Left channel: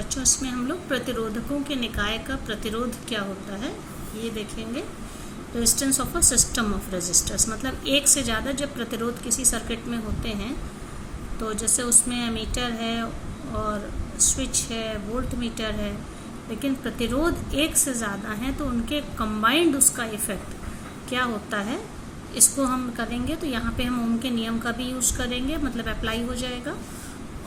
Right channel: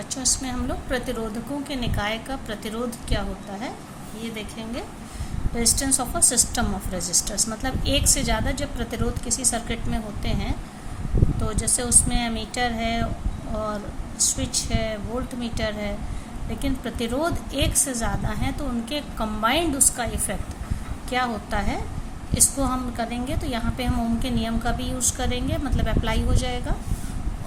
बच्चों इसमें हम लोग प्रतिरोधकों के निकाय का प्रतिरोध क्या होता है ये देखेंगे। Resistance of a system of resistors, मतलब एक से ज़्यादा जब प्रतिरोध किसी सर्किट में होते हैं तो जैसे उसमें एमीटर है और स्विच है, वोल्ट मीटर है, लेकिन प्रतिरोध एक से ज़्यादा हैं तो उनके कंबाइंड उसका इफेक्ट क्या होता है इसको हम करेंगे। तो यहाँ पे हम ओम के नियम का भी यूज़ करेंगे, मतलब अप्लाई हो जाएगा।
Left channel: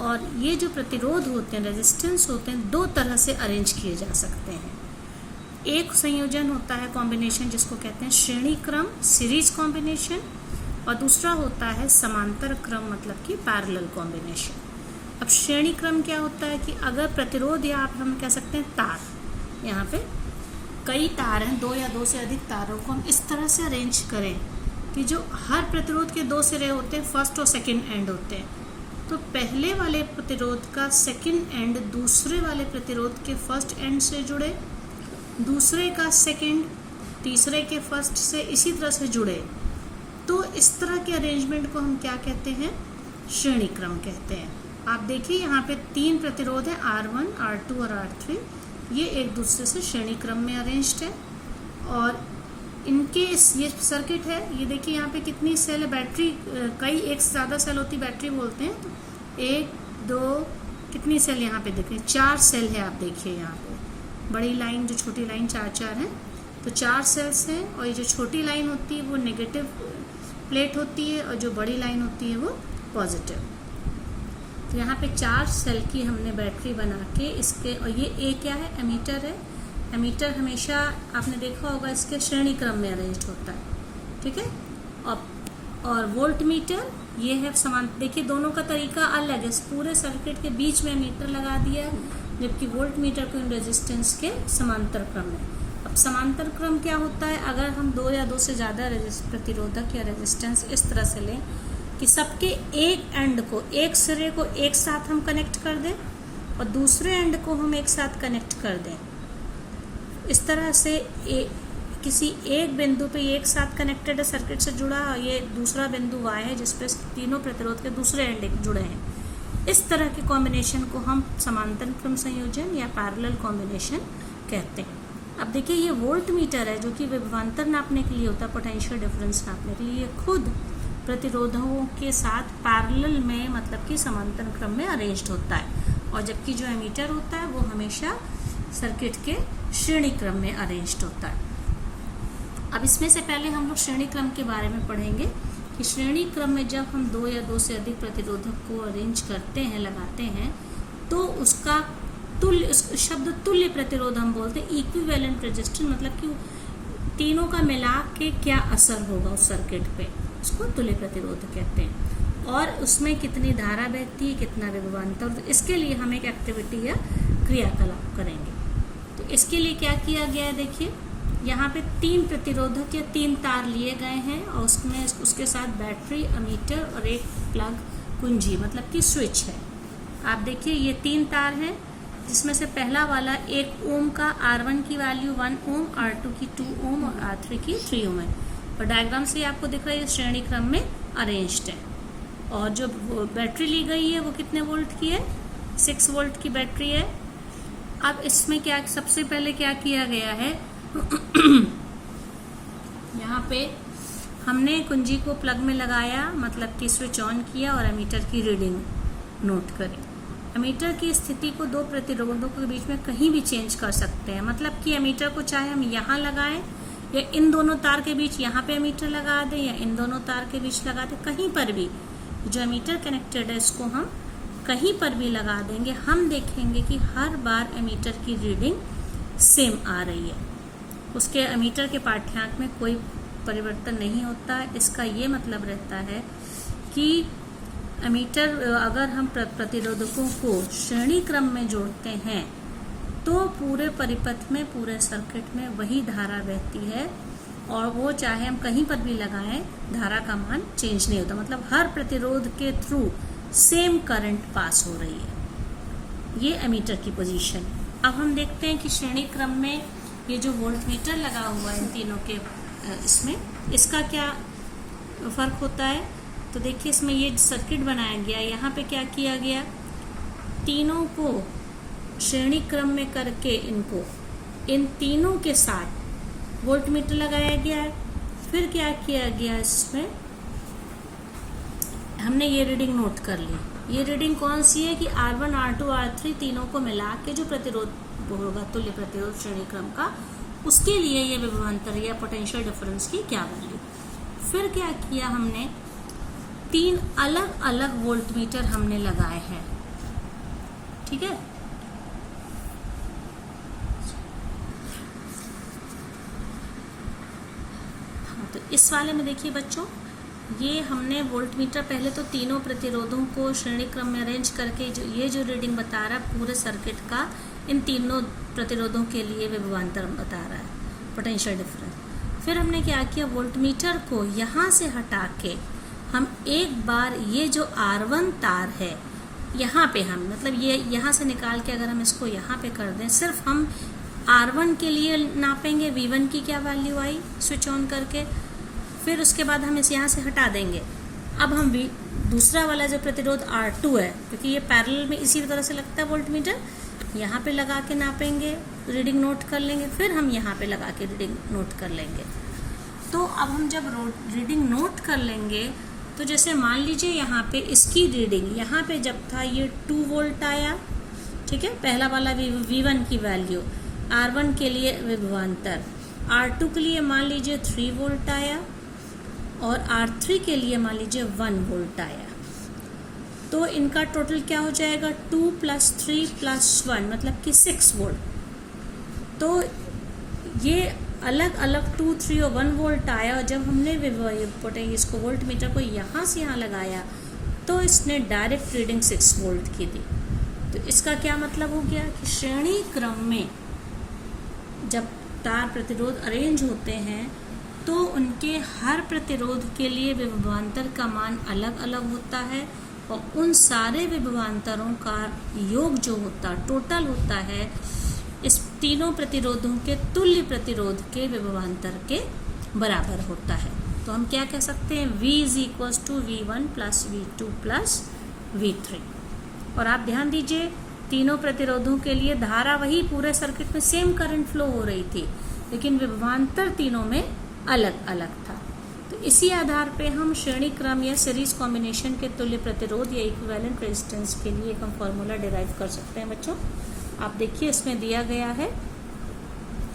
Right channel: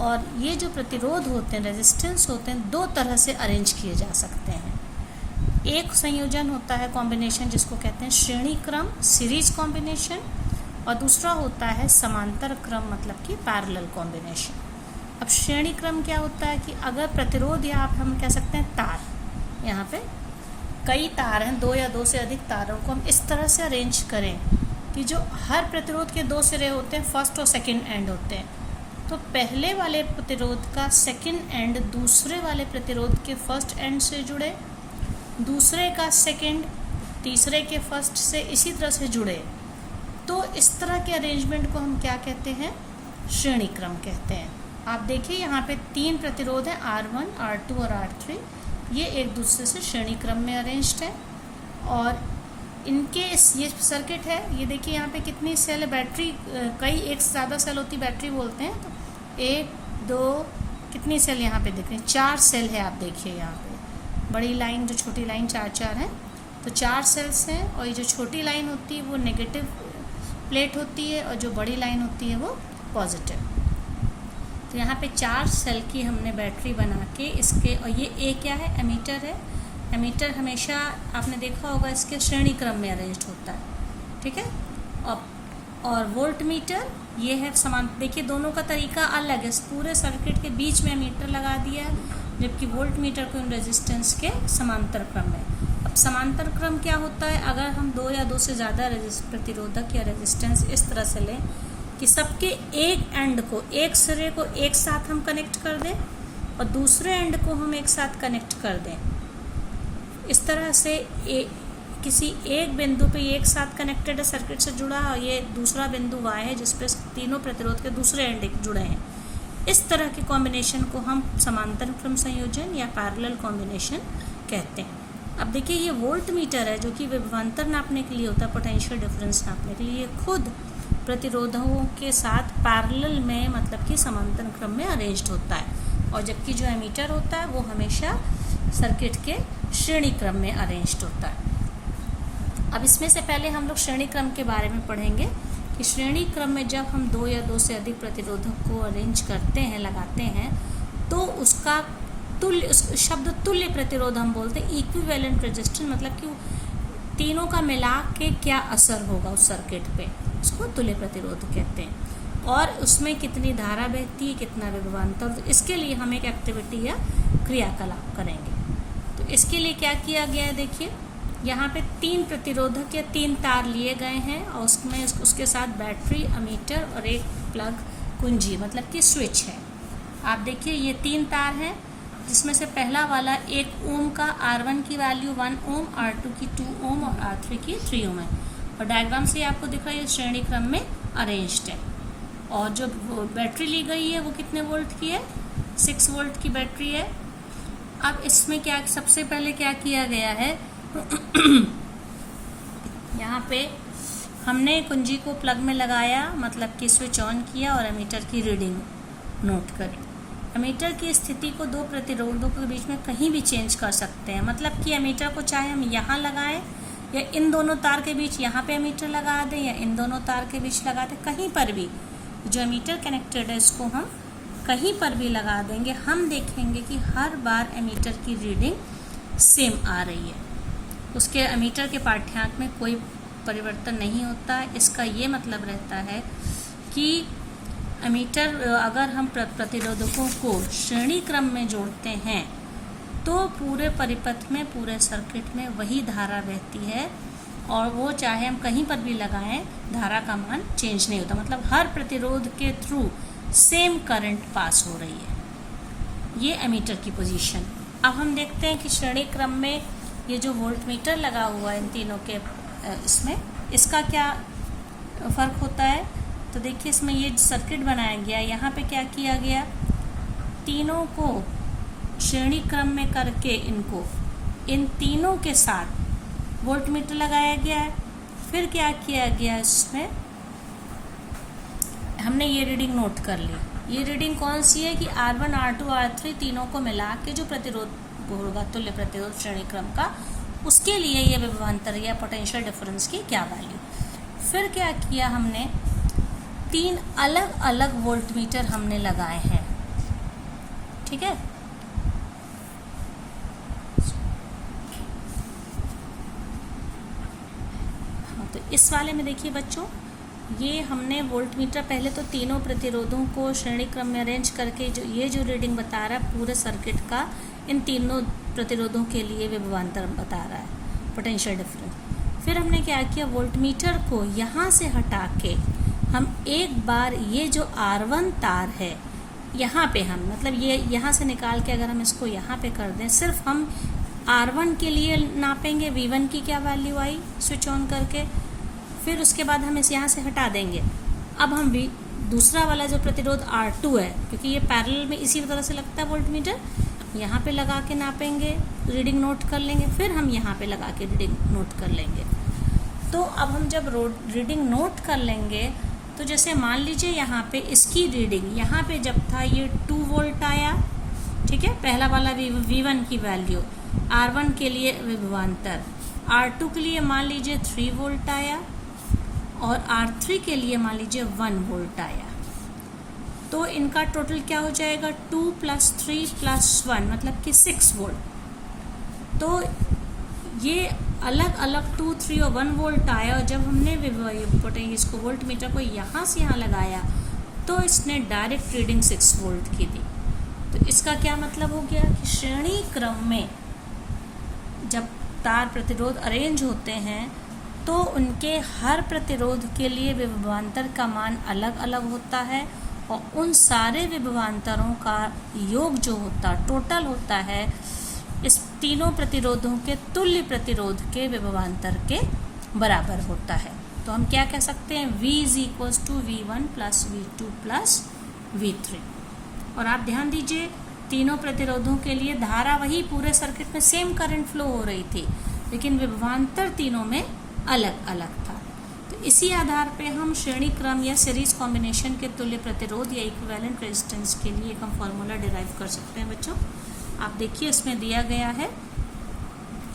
और ये जो प्रतिरोध होते हैं, रेजिस्टेंस होते हैं, दो तरह से अरेंज किए जा सकते हैं। एक संयोजन होता है कॉम्बिनेशन जिसको कहते हैं श्रेणी क्रम, सीरीज कॉम्बिनेशन, और दूसरा होता है समांतर क्रम, मतलब कि पैरेलल कॉम्बिनेशन। अब श्रेणी क्रम क्या होता है कि अगर प्रतिरोध या आप हम कह सकते हैं तार, यहाँ पे कई तार हैं, दो या दो से अधिक तारों को हम इस तरह से अरेंज करें कि जो हर प्रतिरोध के दो सिरे होते हैं, फर्स्ट और सेकंड एंड होते हैं, तो पहले वाले प्रतिरोध का सेकंड एंड दूसरे वाले प्रतिरोध के फर्स्ट एंड से जुड़े, दूसरे का सेकंड तीसरे के फर्स्ट से इसी तरह से जुड़े। तो इस तरह के अरेंजमेंट को हम क्या कहते हैं, श्रेणी क्रम कहते हैं। आप देखिए यहाँ पे तीन प्रतिरोध है, R1, R2 और R3, ये एक दूसरे से श्रेणी क्रम में अरेंज्ड है। और इनके ये सर्किट है, ये देखिए यहाँ पे कितनी सेल है, बैटरी कई एक से ज़्यादा सेल होती बैटरी बोलते हैं। तो एक दो कितनी सेल यहाँ पे दिख रही है, 4 सेल है। आप देखिए यहाँ पे बड़ी लाइन जो छोटी लाइन 4 है, तो 4 सेल्स हैं। और ये जो छोटी लाइन होती है वो नेगेटिव प्लेट होती है और जो बड़ी लाइन होती है वो पॉजिटिव। तो यहाँ पे 4 सेल की हमने बैटरी बना के इसके, और ये ए क्या है, एमीटर है। एमीटर हमेशा आपने देखा होगा इसके श्रेणी क्रम में अरेंज्ड होता है, ठीक है। और वोल्ट मीटर ये है समान, देखिए दोनों का तरीका अलग है। पूरे सर्किट के बीच में मीटर लगा दिया है, जबकि वोल्ट मीटर को इन रेजिस्टेंस के समांतर क्रम में। अब समांतर क्रम क्या होता है, अगर हम दो या दो से ज़्यादा प्रतिरोधक या रेजिस्टेंस इस तरह से लें कि सबके एक एंड को, एक सिरे को एक साथ हम कनेक्ट कर दें और दूसरे एंड को हम एक साथ कनेक्ट कर दें, इस तरह से किसी एक बिंदु पे एक साथ कनेक्टेड है, सर्किट से जुड़ा, और ये दूसरा बिंदु Y है जिस पे तीनों प्रतिरोध के दूसरे एंड जुड़े हैं। इस तरह के कॉम्बिनेशन को हम समांतर क्रम संयोजन या पैरेलल कॉम्बिनेशन कहते हैं। अब देखिए ये वोल्ट मीटर है जो कि विभवांतर नापने के लिए होता है, पोटेंशियल डिफरेंस नापने के लिए, खुद प्रतिरोधों के साथ पैरेलल में, मतलब कि समांतर क्रम में अरेंज्ड होता है। और जबकि जो एमीटर होता है वो हमेशा सर्किट के श्रेणी क्रम में अरेंज्ड होता है। अब इसमें से पहले हम लोग श्रेणी क्रम के बारे में पढ़ेंगे कि श्रेणी क्रम में जब हम दो या दो से अधिक प्रतिरोधक को अरेंज करते हैं, लगाते हैं, तो उसका तुल्य, उस शब्द तुल्य प्रतिरोध हम बोलते हैं, इक्विवेलेंट रेजिस्टेंस, मतलब कि तीनों का मिला के क्या असर होगा उस सर्किट पे, उसको तुल्य प्रतिरोध कहते हैं। और उसमें कितनी धारा बहती है, कितना विभवांतर, तो इसके लिए हम एक एक्टिविटी या क्रियाकलाप करेंगे। तो इसके लिए क्या किया गया है, देखिए यहाँ पे 3 प्रतिरोधक या 3 तार लिए गए हैं और उसमें उसके साथ बैटरी, अमीटर और एक प्लग कुंजी, मतलब कि स्विच है। आप देखिए ये 3 तार हैं जिसमें से पहला वाला 1 ओम का, R1 की वैल्यू 1 ओम, R2 की 2 ओम और R3 की 3 ओम है। और डायग्राम से आपको दिख रहा है ये श्रेणी क्रम में अरेंज्ड है। और जो बैटरी ली गई है वो कितने वोल्ट की है, 6 वोल्ट की बैटरी है। अब इसमें क्या सबसे पहले क्या किया गया है, यहाँ पे हमने कुंजी को प्लग में लगाया, मतलब कि स्विच ऑन किया और एमीटर की रीडिंग नोट करी। एमीटर की स्थिति को दो प्रतिरोधों के बीच में कहीं भी चेंज कर सकते हैं, मतलब कि एमीटर को चाहे हम यहाँ लगाएं या इन दोनों तार के बीच यहाँ पे एमीटर लगा दें या इन दोनों तार के बीच लगा दें, कहीं पर भी जो एमीटर कनेक्टेड है इसको हम कहीं पर भी लगा देंगे। हम देखेंगे कि हर बार एमीटर की रीडिंग सेम आ रही है, उसके एमीटर के पाठ्यांक में कोई परिवर्तन नहीं होता है। इसका ये मतलब रहता है कि एमीटर, अगर हम प्रतिरोधकों को श्रेणी क्रम में जोड़ते हैं तो पूरे परिपथ में, पूरे सर्किट में वही धारा बहती है और वो चाहे हम कहीं पर भी लगाएं, धारा का मान चेंज नहीं होता, मतलब हर प्रतिरोध के थ्रू सेम करंट पास हो रही है। ये एमीटर की पोजीशन। अब हम देखते हैं कि श्रेणी क्रम में ये जो वोल्ट मीटर लगा हुआ है इन तीनों के, इसमें इसका क्या फर्क होता है। तो देखिए इसमें ये सर्किट बनाया गया, यहाँ पे क्या किया गया, तीनों को श्रेणी क्रम में करके इनको इन तीनों के साथ वोल्टमीटर लगाया गया है। फिर क्या किया गया, इसमें हमने ये रीडिंग नोट कर ली। ये रीडिंग कौन सी है कि R1, R2, R3 तीनों को मिला के जो प्रतिरोध होगा तुल्य प्रतिरोध श्रेणी क्रम का, उसके लिए ये विभवांतर या पोटेंशियल डिफरेंस की क्या वैल्यू। फिर क्या किया हमने, 3 अलग अलग वोल्टमीटर हमने लगाए हैं, ठीक है। तो इस वाले में देखिए बच्चों, ये हमने वोल्टमीटर पहले तो तीनों प्रतिरोधों को श्रेणी क्रम में अरेंज करके जो रीडिंग बता रहा है पूरे सर्किट का, इन तीनों प्रतिरोधों के लिए विभवांतर बता रहा है, पोटेंशियल डिफरेंस। फिर हमने क्या किया, वोल्टमीटर को यहाँ से हटा के हम एक बार ये जो R1 तार है यहाँ पे हम मतलब ये यहाँ से निकाल के अगर हम इसको यहाँ पे कर दें, सिर्फ हम R1 के लिए नापेंगे V1 की क्या वैल्यू आई स्विच ऑन करके, फिर उसके बाद हम इसे यहाँ से हटा देंगे। अब हम दूसरा वाला जो प्रतिरोध R2 है, क्योंकि ये पैरेलल में इसी तरह से लगता है वोल्टमीटर, यहाँ पे लगा के नापेंगे, रीडिंग नोट कर लेंगे, फिर हम यहाँ पे लगा के रीडिंग नोट कर लेंगे। तो अब हम जब रीडिंग नोट कर लेंगे, तो जैसे मान लीजिए यहाँ पे इसकी रीडिंग, यहाँ पे जब था ये 2 वोल्ट आया, ठीक है, पहला वाला V1 की वैल्यू, R1 के लिए विभवांतर, R2 के लिए मान लीजिए 3 वोल्ट आया और R3 के लिए मान लीजिए 1 वोल्ट आया। तो इनका टोटल क्या हो जाएगा, 2 + 3 + 1 मतलब कि 6 वोल्ट। तो ये अलग अलग 2, 3 और 1 वोल्ट आया, और जब हमने इसको वोल्टमीटर को यहाँ से यहाँ लगाया तो इसने डायरेक्ट रीडिंग 6 वोल्ट की दी। तो इसका क्या मतलब हो गया कि श्रेणी क्रम में जब तार प्रतिरोध अरेंज होते हैं तो उनके हर प्रतिरोध के लिए विभवांतर का मान अलग अलग होता है, और उन सारे विभवांतरों का योग जो होता टोटल होता है इस तीनों प्रतिरोधों के तुल्य प्रतिरोध के विभवांतर के बराबर होता है। तो हम क्या कह सकते हैं, V = V1 + V2 + V3। और आप ध्यान दीजिए, तीनों प्रतिरोधों के लिए धारा वही पूरे सर्किट में सेम करंट फ्लो हो रही थी, लेकिन विभवांतर तीनों में अलग अलग था। तो इसी आधार पे हम श्रेणी क्रम या सीरीज कॉम्बिनेशन के तुल्य प्रतिरोध या इक्विवेलेंट रेजिस्टेंस के लिए एक हम फॉर्मूला डिराइव कर सकते हैं। बच्चों आप देखिए, इसमें दिया गया है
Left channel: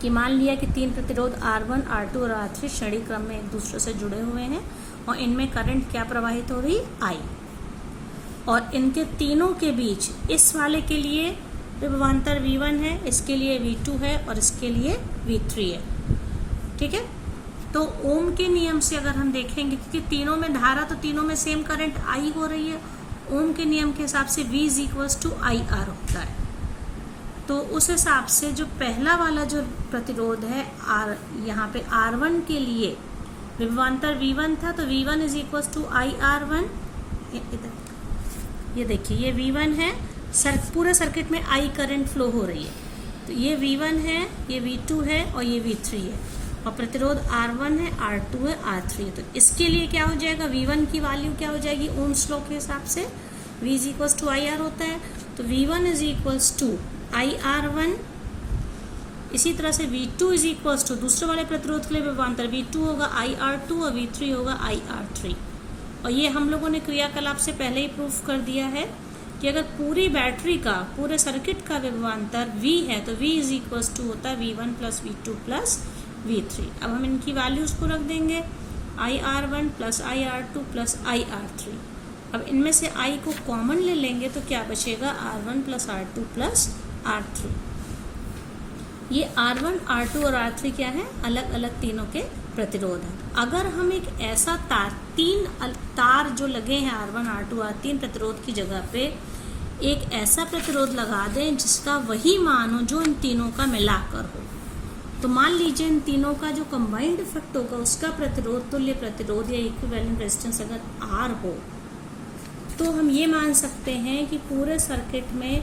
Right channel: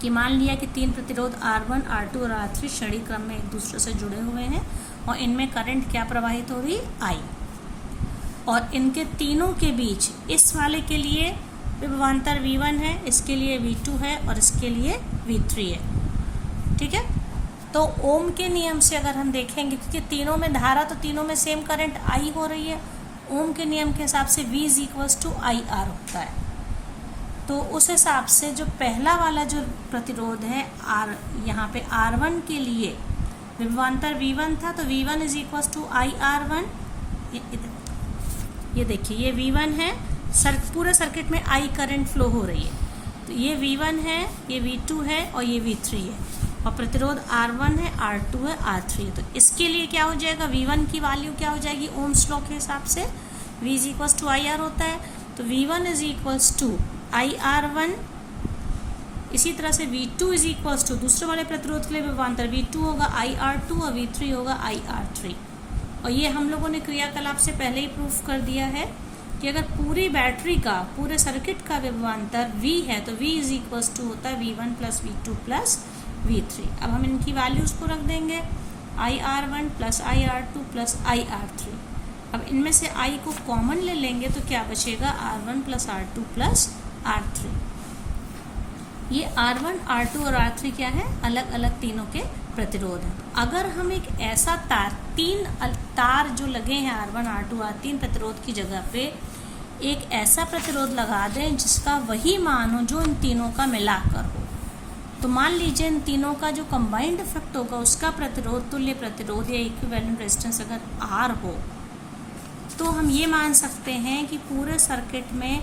कि मान लिया कि 3 प्रतिरोध R1, R2 और R3 श्रेणी क्रम में एक दूसरे से जुड़े हुए हैं और इनमें करंट क्या प्रवाहित हो रही, I, और इनके तीनों के बीच इस वाले के लिए विभवांतर V1 है, इसके लिए V2 है और इसके लिए V3 है, ठीक है। तो ओम के नियम से अगर हम देखेंगे, क्योंकि तीनों में धारा तो तीनों में सेम करंट I हो रही है, ओम के नियम के हिसाब से V = IR होता है। तो उस हिसाब से जो पहला वाला जो प्रतिरोध है यहाँ पे R1 के लिए विभवांतर V1 था, तो V1 = IR1। ये देखिए, ये V1 है, पूरे सर्किट में I करंट फ्लो हो रही है, तो ये V1 है, ये V2 है और ये V3 है, और प्रतिरोध R1 है, R2 है, R3 है। तो इसके लिए क्या हो जाएगा, V1 की वैल्यू क्या हो जाएगी, ओम्स लॉ के हिसाब से V = IR होता है, तो V1 = IR1। इसी तरह से V2 = दूसरे वाले प्रतिरोध के लिए विभवांतर V2 होगा IR2 और V3 होगा IR3। और ये हम लोगों ने क्रियाकलाप से पहले ही प्रूफ कर दिया है कि अगर पूरी बैटरी का, पूरे सर्किट का विभवांतर V है तो V = होता है V1 + V2 + V3। अब हम इनकी वैल्यूज को रख देंगे, IR1 + IR2 + IR3। अब इनमें से I को कॉमन ले लेंगे तो क्या बचेगा, R1 + R2 + R3। ये R1, R2 और R3 क्या है, अलग अलग तीनों के प्रतिरोध हैं। अगर हम एक ऐसा तीन तार जो लगे हैं R1, R2, R3 प्रतिरोध की जगह पे एक ऐसा प्रतिरोध लगा दें जिसका वही मान हो जो इन तीनों का मिलाकर हो, तो मान लीजिए इन तीनों का जो कंबाइंड इफेक्ट होगा उसका प्रतिरोध, तुल्य प्रतिरोध या इक्विवेलेंट रेजिस्टेंस अगर R हो, तो हम ये मान सकते हैं कि पूरे सर्किट में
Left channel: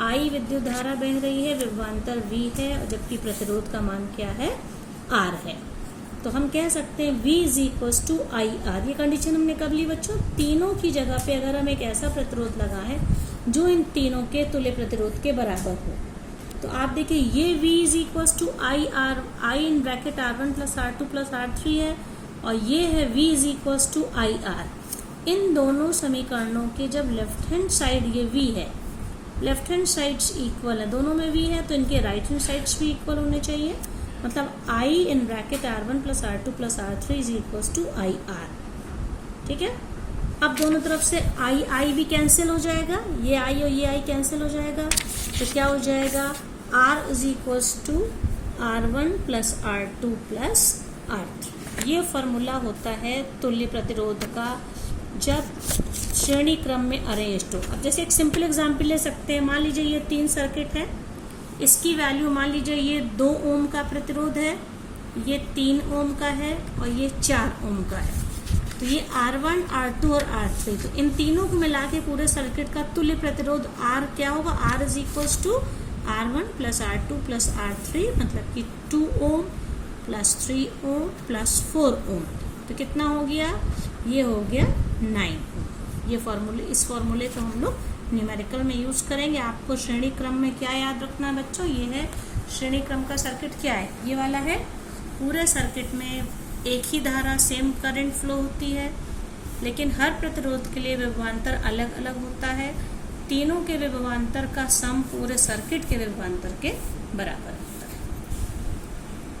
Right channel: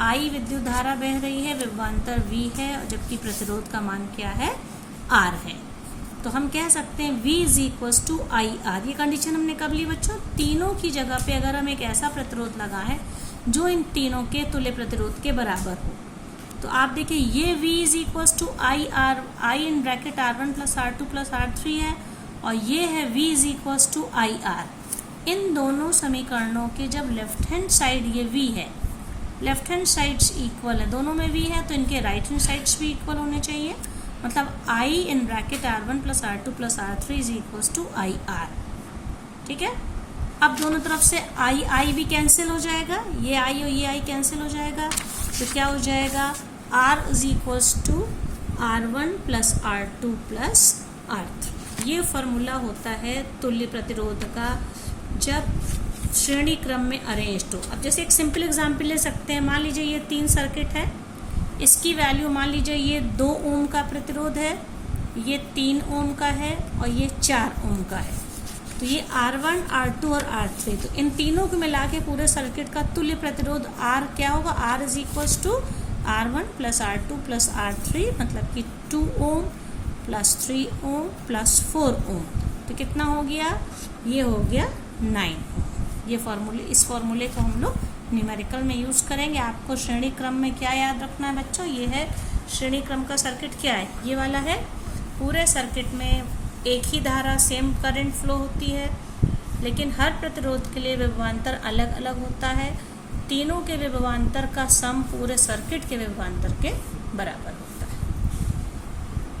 I विद्युत धारा बह रही है, विभवांतर V है, जबकि प्रतिरोध का मान क्या है, R है। तो हम कह सकते हैं V is equals to I R. ये कंडीशन हमने कब ली बच्चों? तीनों की जगह पे अगर हम एक ऐसा प्रतिरोध लगा है जो इन तीनों के तुल्य प्रतिरोध के बराबर हो। तो आप देखिए ये V is equals to I R, I in bracket R1 plus R2 plus R3 है, और ये है V is equals to I R. इन दोनों समीकरणों के जब लेफ्ट हैंड साइड ये V है, लेफ्ट हैंड साइड्स इक्वल है, दोनों में V है, तो इनके राइट हैंड साइड्स भी इक्वल होने चाहिए। मतलब I in bracket R1 plus R2 plus R3 is equals to I are. ठीक है, अब दोनों तरफ से आई भी कैंसिल हो जाएगा, ये आई और ये आई कैंसिल हो जाएगा, तो क्या हो जाएगा? R is equals to R1 plus R2 plus R3। ये फॉर्मूला होता है तुल्य प्रतिरोध का जब श्रेणी क्रम में अरेंज्ड हो। अब जैसे एक सिंपल एग्जांपल ले सकते हैं, मान लीजिए ये 3 सर्किट है, इसकी वैल्यू मान लीजिए ये 2 ओम का प्रतिरोध है, ये 3 ओम का है और ये 4 ओम का है। तो ये R1, R2 और R3, तो इन तीनों को मिला के पूरे सर्किट का तुल्य प्रतिरोध R क्या होगा? R is equals to R1 plus R2 plus R3, मतलब कि 2 ओम प्लस 3 ओम प्लस 4 ओम, तो कितना हो गया? ये हो गया 9 ओम। ये फॉर्मूले, इस फॉर्मूले को हम लोग न्यूमेरिकल में यूज करेंगे। आपको श्रेणी क्रम में क्या याद रखना है बच्चों? ये है श्रेणी क्रम का सर्किट क्या है? ये वाला है। पूरे सर्किट में एक ही धारा, सेम करंट फ्लो होती है, लेकिन हर प्रतिरोध के लिए विभवांतर अलग अलग होता है। तीनों के विभवांतर का सम पूरे सर्किट के विभवांतर के बराबर।